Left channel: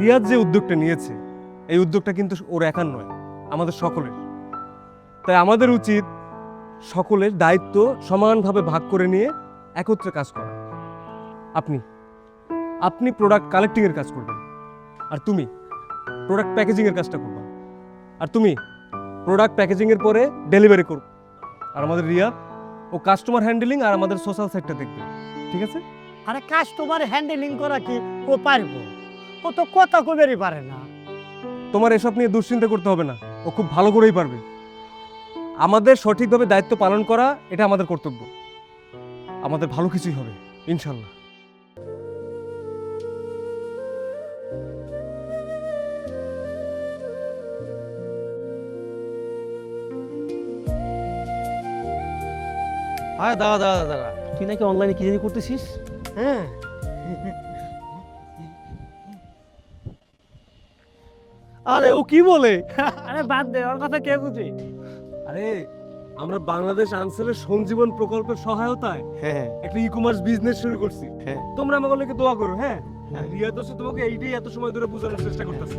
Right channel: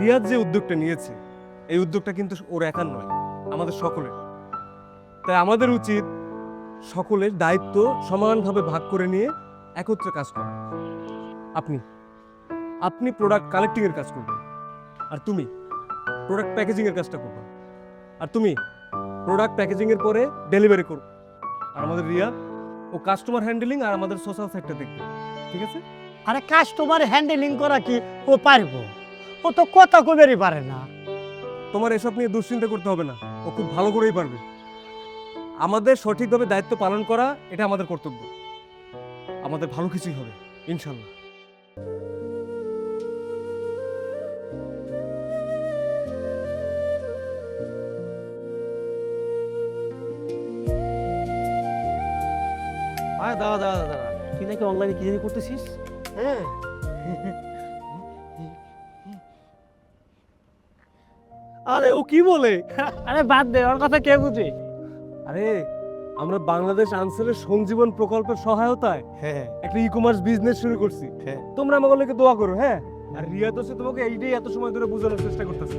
রিয়াদ যে উদ্যোগটা নিয়েছে এই উদ্যোগটা কিন্তু ওর একার নয়, আমাদের সকলের। তাই আমাদের উচিত সকলের দায়িত্ব সমানভাবে ভাগ করে নিয়ে একত্রে কাজ করা। আপনি আপনি প্রোডাক্ট কালেক্টিং এর কাজ করবেন, আর তুমি প্রোডাক্ট প্যাকেজিং এর কাজটা করবা, আর তুমি প্রোডাক্ট প্যাকেজিং এর পরে ডেলিভারি করবে, আর আমাদের রিয়া ও কাস্টমার হ্যান্ডেলিং আর আমাদের সোশ্যাল সাইডটা দেখবে। ঠিক আছে? আরে কাস্টমার হ্যান্ডেলিং করা কি ও পারবো? ও তো কথা কবেরই পারে না। তোমার এসব নিয়ে দুশ্চিন্তা করতে হবে না, ও খুব ভালো করেই পারবে। আমাদের সঠিকভাবে দায়িত্ব পালন করা এটা আমাদের কর্তব্য। আমাদের ভালো কিছুই হবে ইনশাল্লাহ। আরে দাঁড়া দাঁড়া দাঁড়া, তুই নাকি অনলাইনে কি জানি করতেছিস? হ্যাঁ, আরে ও কি বলে? আরে বাদ দে, ওর কথা কে বুঝে? আরে আমরা বাংলাদেশ আনসারের সঞ্জীবন প্রকল্পের সহায়তায় হ্যাঁ একটা ই কমার্স বিজনেস শুরু করছি। হ্যাঁ। তোমরা আমাকে লেগে দোয়া করো। হ্যাঁ, আর রিয়া তো তোমাকে এইটাই এত সময় ধরে বোঝানোর চেষ্টা করতেছে।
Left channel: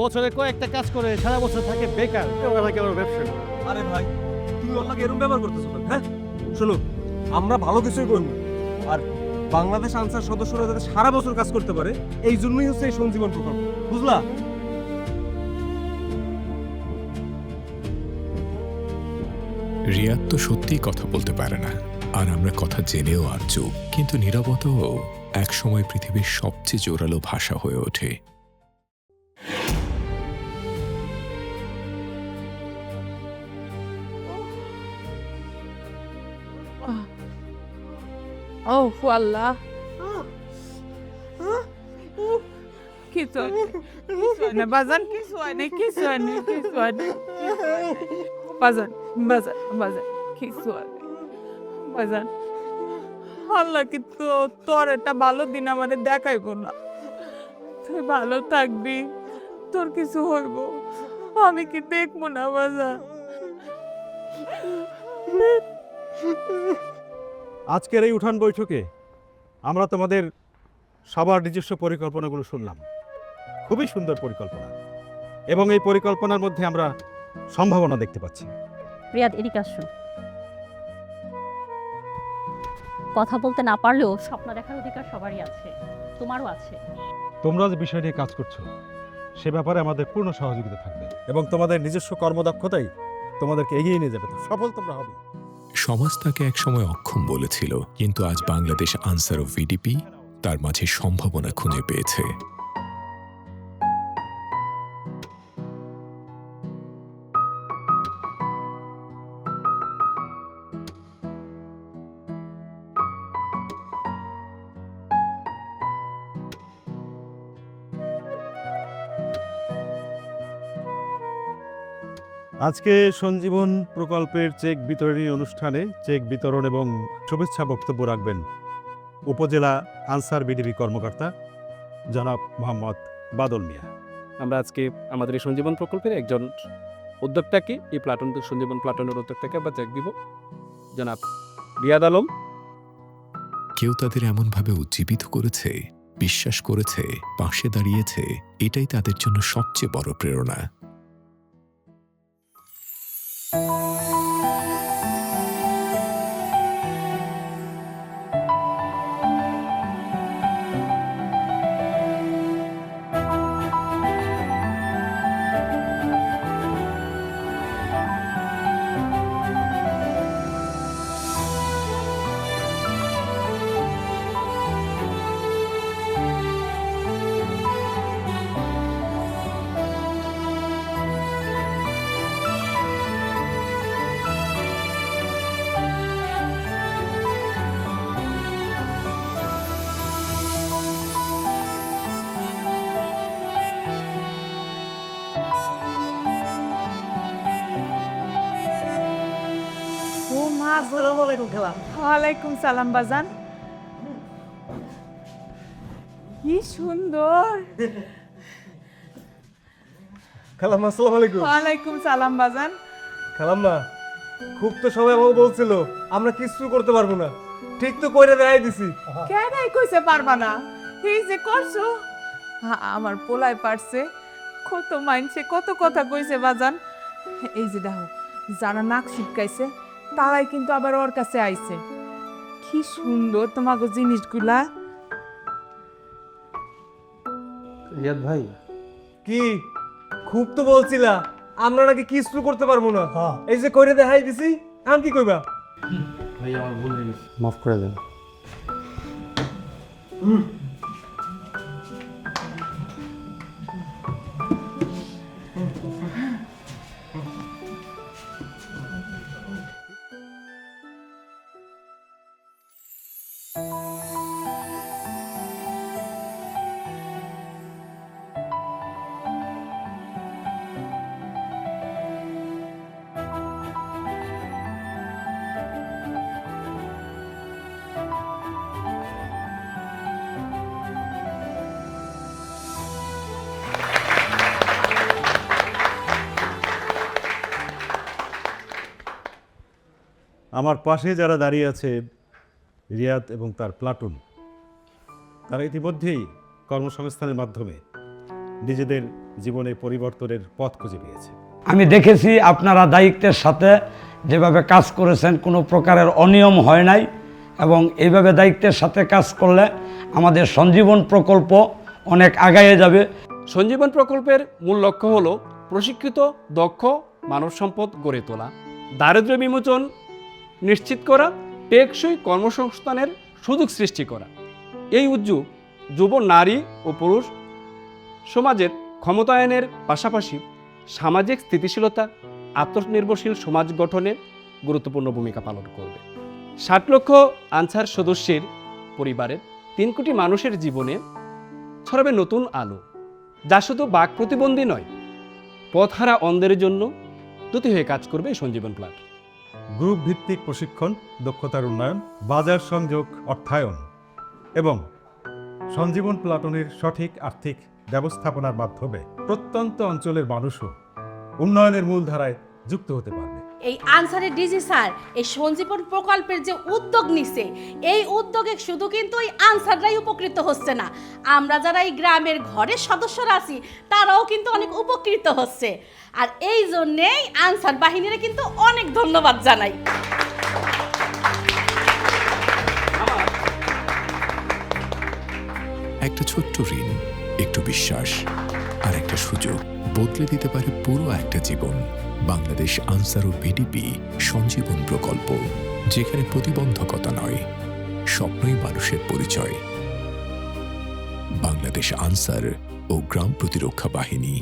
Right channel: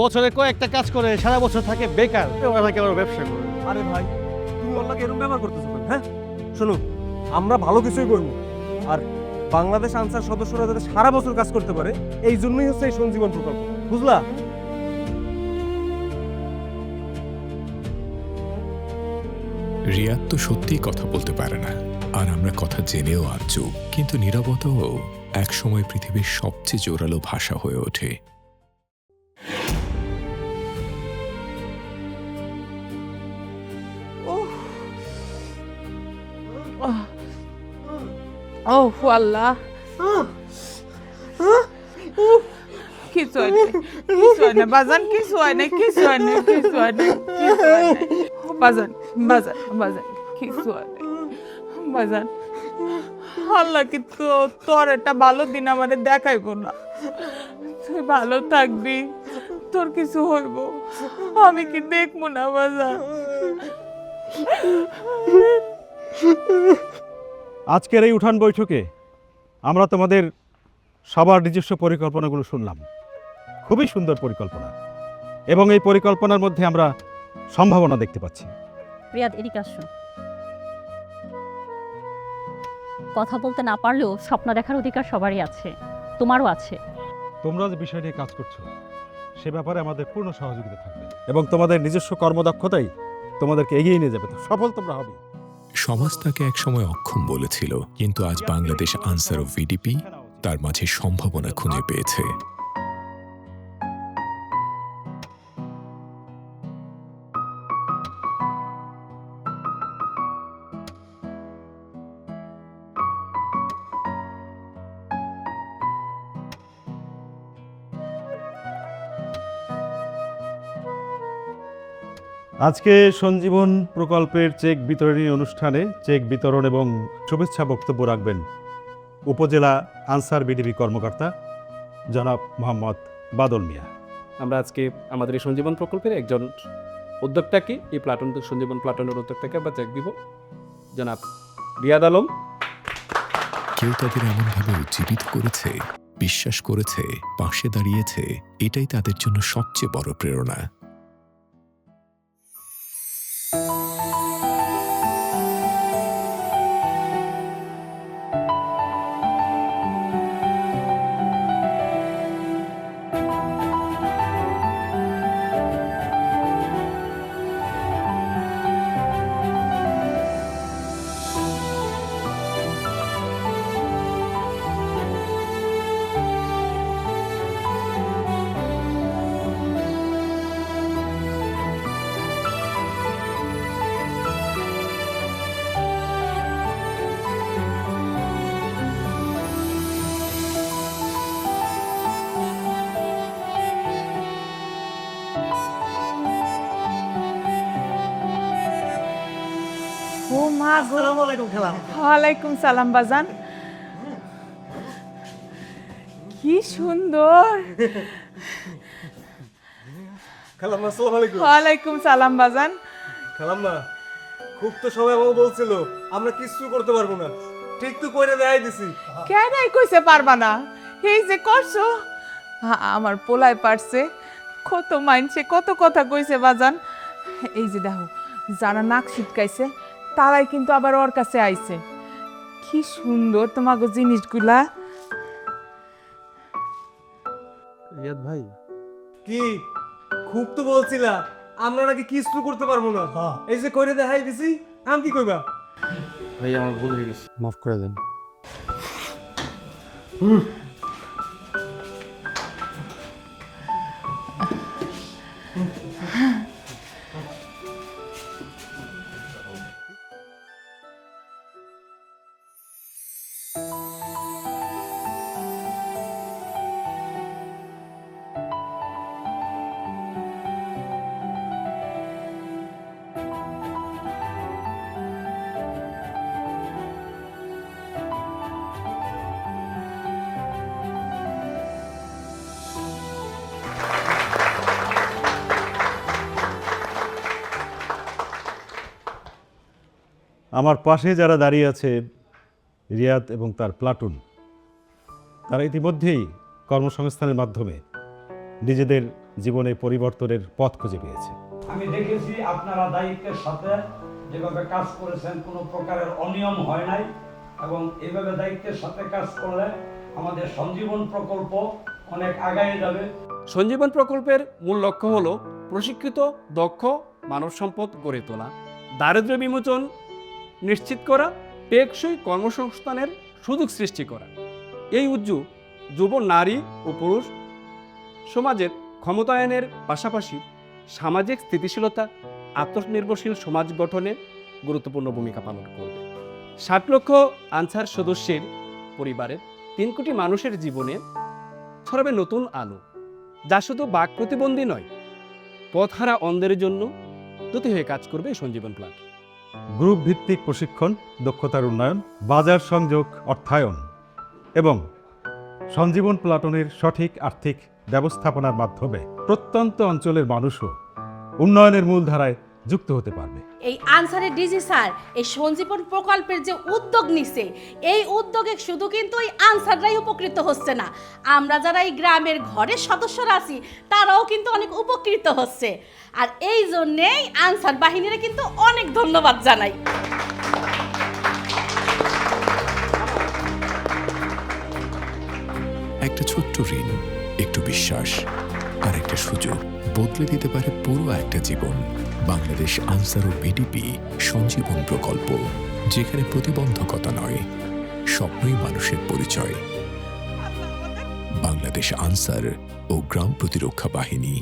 বছরে কয়েকটা কাজ করে সারা বছর থাকে বেকার, ওরা নাকি আবার ব্যবসা করে। আরে ভাই, তুমি অল্লাহকে এরকম ব্যবহার করতেছো কেন? হ্যাঁ শোনো, আমরা ভালো কিছুই করবো, আর বাংলাদেশ আনসার সদস্যরা যাতে সারা বছর কাজ করতে পারে এই জন্যই হচ্ছে এই সঞ্জীবন প্রকল্প, বুঝলা? রিয়াদ তো সত্যিই কথা বলতে পারে না, আর আমরা কথা জেনেও আর চুপ। কিন্তু নীরবতাও একসময় পৃথিবীর সবচেয়ে জোরালো ভাষা হয়ে ওঠে। ওহ আল্লাহ, কিছু হয় না, কিছু হয় না বাজান, কিছু হয় না, কিছু হয় না, কিছু হয় না, কিছু হয় না বাজান, বাজান, বাজান, কিছু হয় না বাজান। আল্লাহ কিন্তু তোর একটা ভালো দিন আমারে দেখাইব না। তুই ভালো থাকবি, তোর কিছু হইব, আমি কি দেখবো না বাজান? আজকের এই উঠান বৈঠকে আমরা তোমাদের সবার নিজস্ব পরিকল্পনাগুলো শুনলাম। খুবই সুন্দর পরিকল্পনা, এবং এই পরিকল্পনার মধ্যে আমরা সম্ভাবনা দেখতে পাচ্ছি। রিয়াদ, এদিকে আসো। কথা বলতে না পারলেও স্বপ্ন দেখার অধিকার সবারই আছে, তোমারও আছে। তোমরা যে বিষয় নিয়ে কাজ করছো সে ব্যাপারে আমাদের পূর্ণ সহযোগিতা থাকবে, এবং তোমাদের নিজস্ব কর্মদক্ষতাই তোমাদেরকে এগিয়ে নিয়ে যাবে। তো সফল তোমরা হবে। সমাজ তাকে একসময় অক্ষম বলেছিল, কিন্তু আজ বাংলাদেশ আনসার ও ভিডিপি তার মাঝে সম্ভাবনা খুঁজে পেয়েছে। আজকে সঞ্জীবন প্রকল্পের চেক বিতরণী অনুষ্ঠানে চেক বিতরণ এবং শুভেচ্ছা বক্তব্য রাখবেন উপজেলা আনসার বিডিপি কর্মকর্তা জনাব মোহাম্মদ বাদল মিয়া। আমরা আজকে আমাদের এই সঞ্জীবন প্রকল্পের একজন উদ্যোক্তাকে, এই প্লাটুন সঞ্জীবন প্লাটুনের উদ্যোক্তাকে আমরা চেক দিব, জনাব রিয়াদ আলম। কেউ তাদের এমনভাবে উজ্জীবিত করেছে, বিশ্বাস করেছে, পাশে দাঁড়িয়েছে, এটাই তাদের জন্য সবচেয়ে বড় প্রেরণা। ও মা গো, আসসালামু আলাইকুম খেলাম। ওয়ালাইকুম সালাম বাজান, কি সুন্দর। খালাম্মা আসসালামু আলাইকুম। ওয়ালাইকুম সালাম বাজান। খালাম্মা, খুব তো সবাই আমাকে বলছিল আমরা কিছু করতে পারবো না, ঠিক তো কইরা দেখাই দিছি। কেন কইছে পারবা না? এই যে করছো, আমার পোলায় পারছে, কত মাইনছে, কত কথা কইছে বাজান। এই যে দেখো, যারা নাক ছিটকাইছে তারাই কিন্তু আবার ওর কাছে আইছে। কি সুন্দর তোমাকে জিনিসগুলা। রিয়াদ ভাই, কি খুব তো বলছিলা আমরা নাকি কিছু করতে পারবো না। হ্যাঁ। এই যে কইরে দেখাই দিছি, আমি কি কইবা? ভাই আমার ভুল হয়ে গেছে, মাফ করে দেন। আমার পাশে যারা দাঁড়িয়ে আছে রিয়াদ এবং তার প্লাটুন, তারা ইতিমধ্যেই কর্মসংস্থানের মাধ্যমে নিজেদের জীবনে পরিবর্তনের পথ খুঁজে পেয়েছে। আমি দেখেছি আপনারা দায়িত্বের সাথে যেভাবে কাজ করেছেন, কোনো প্রকারের অনিয়ম হয় নাই, এবং এইভাবে দায়িত্বের সাথে কাজ করলে আমাদের সঞ্জীবন প্রকল্প অনেক আগায়ে যাবে। সঞ্জীবন প্রকল্পের মূল লক্ষ্য হল প্রশিক্ষিত দক্ষ মানব সম্পদ গড়ে তোলা, দারিদ্র্য বিমোচন নিশ্চিত করা, টেকসই কর্মসংস্থানের সুযোগ সৃষ্টি করা। এই উদ্যোগ যুব নারী ও পুরুষ সমাজের ক্ষমতায়নের পাশাপাশি সামাজিক স্থিতিশীলতা, আত্মনির্ভরশীল সমাজ গঠনে গুরুত্বপূর্ণ ভূমিকা পালন করবে। 60 লক্ষ আনসার সদস্যের পরিবারের 3 কোটি মানুষের জীবনে ছড়াবে নতুন আলো, যা শুধু বাক প্রতিবন্ধী নয়, পথহারা অন্ধের জন্য দুটি হয়ে কাজ করবে এই সঞ্জীবন প্লাট। গ্রুপ ভিত্তিক প্রশিক্ষণ, দক্ষতার উন্নয়ন, বাজার সংযোগ, অর্থায়ন এবং সঞ্জীবন প্লাটনের সঠিক আর্থিক ব্যবস্থাপনার মাধ্যমে প্রত্যন্ত অঞ্চলের মানুষও উন্নয়নের মূলধারায় যুক্ত হতে পারবে। এই আনসারের ডিজি স্যার এই সঞ্জীবন প্রকল্পের যে উদ্যোগ নিছে, এই উদ্যোগে শুধু কিন্তু এই আনসাররাই উপকৃত হচ্ছে না, আমরা যারা এই গ্রামের ঘরের সদস্যরা আছি তারাও কিন্তু অনেক উপকৃত হচ্ছে। আর এই জন্যেই আনসার বাহিনীরা কিন্তু অনেক ধন্যবাদ জানাই। একটা ছোট্ট ঋণ, একটু বিশ্বাস আর একটা সুযোগ বদলে দিতে পারে পুরো একটা জীবন। বাংলাদেশ আনসার ও বিডিপি সঞ্জীবন প্রকল্প, যেখানে প্রতিবন্ধকতা নয়, স্বপ্নই মানুষের পরিচয়। বাংলাদেশ আনসার ও গ্রাম প্রতিরক্ষা বাহিনী।